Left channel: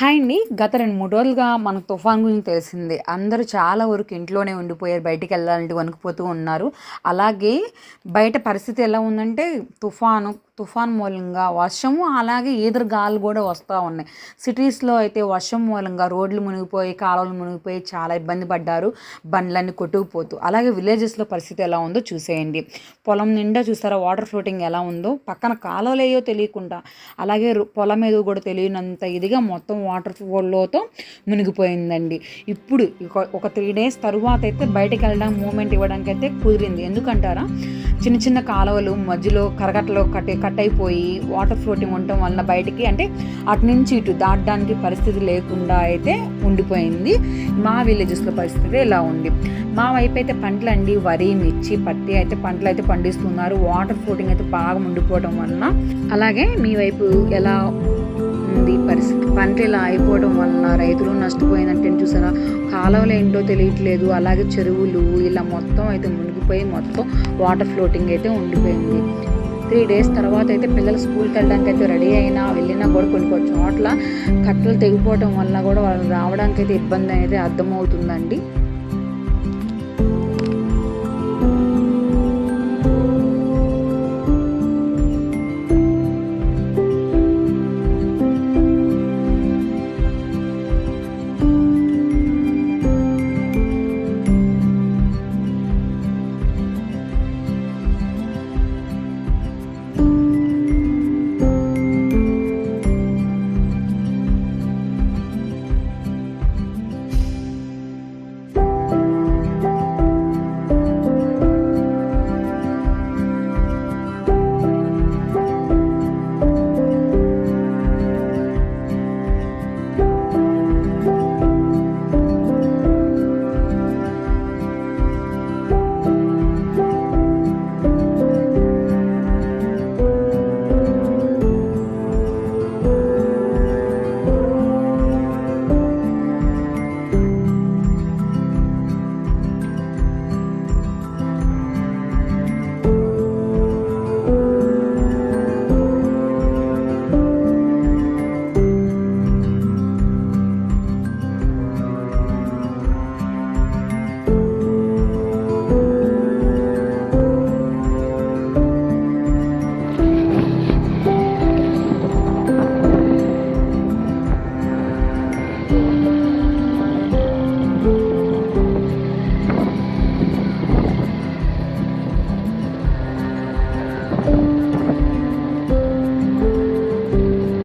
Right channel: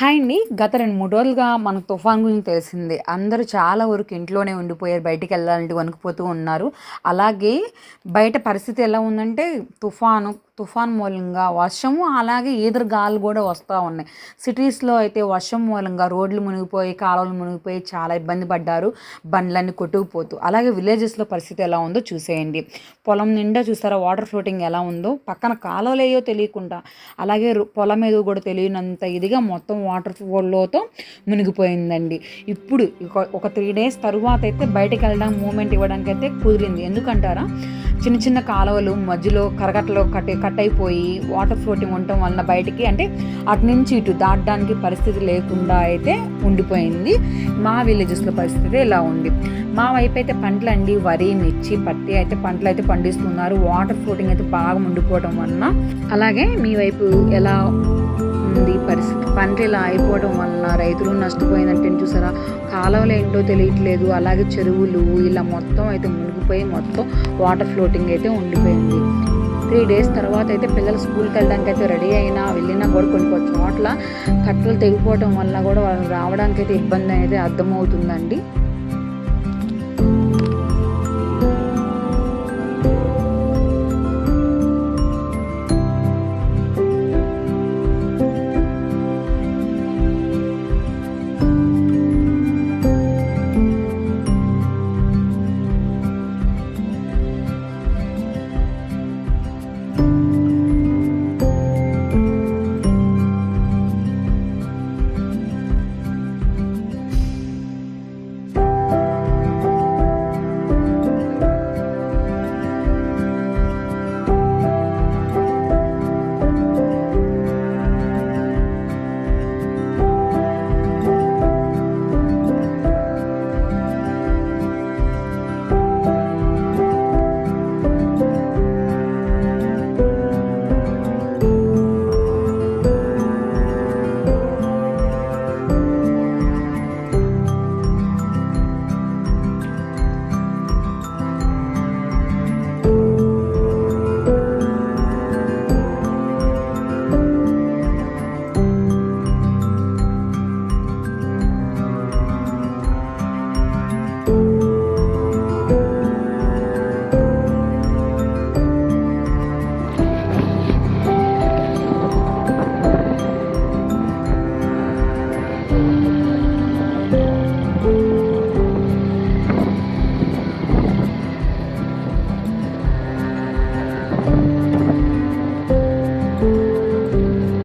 Hi అండి. గత 2, 3 రోజులుగా మనకు తుఫాన్ గురించి తెలిసిందే. అందరూ చాలా వరకు ఇంట్లోనే ఉండిపోయారు. బయటికెళ్ళాలంటే వణికిపోతూ ఉన్నారు. అలాగే బయట పరిస్థితి ఎలా ఉందంటే తుఫాన్ మూలంగా వర్షము, అలాగే ఈదురు గాలులు కూడా వస్తూ ఉన్నాయి. సిటీస్‌లో అయితే వర్షం మూలంగా రోడ్లు మునిగిపోయి, కాలువలు మునిగిపోయి చాలా ఇబ్బంది పడ్డారు. బండ్లన్నీ కొట్టుకుపోతూ. అలాగే విలేజెస్‌లో పరిస్థితి ఎలా ఉందో చూసేయండి. పొలం నిండా చూసారా వాటర్ ఫ్లోటింగ్ ఎలా ఉందో. పక్కన కాలువలేయో తెలియకుండా, అలాగే పొలం ఏదో కూడా తెలియనంత ఇదిగా మొత్తం వాటర్ ఫ్లోతో మునిగిపోయిందండి. ఇప్పుడు ఒక 3 డేస్ తరువాత అయితే బయటకు వెళ్ళడానికి మూమెంట్ ఇవ్వడానికి అయితే కుదిరింది. ఎందుకంటారా, చిన్న చిన్న కాలువలు మధ్యలో కరకట్టలో కట్ అయిపోయి వాటర్ ఫ్లోటింగ్ ఉండటం వలన బయటికి అంటే అటు నుంచి ఇటు దాటడానికి పరిస్థితి లేకుండా అయితే ఉండిపోయింది. మా విలేజెస్లో పరిస్థితి ఇలా ఉంది. మా వైపు అయితే పంటలండి, వరి, మిర్చి, పత్తి అయితే పంటలు అయితే పండిస్తున్నారు. వాటర్ ఫ్లోటింగ్ అయితే బాగా ఉండిపోవడం వలన. అలాగే మీ వైపు ఎలా ఉంది పరిస్థితి? పంట ఇలా అయిపోవడం వలన రైతులు నష్టపోయిందంటే చూసారా, కాలువలు ఏంటో తెలియట్లేదు. అలాగే చెరువులు ఇలా మొత్తం అయితే మునిగిపోయి మొత్తం వాటర్ ఫ్లోటింగ్ అయితే ఉండిపోయింది. 3 డేస్ తర్వాత అయితే పిల్లలు స్కూల్కి వెళ్ళడానికి అయితే రెడీ అయినా వెళ్ళినా కూడా కొన్ని చోట్ల కట్టలు తెగిపోవడం వల్ల కూడా వాళ్ళు రావడానికి అయితే ఇబ్బంది అనేది అర్థమవుతుందండి.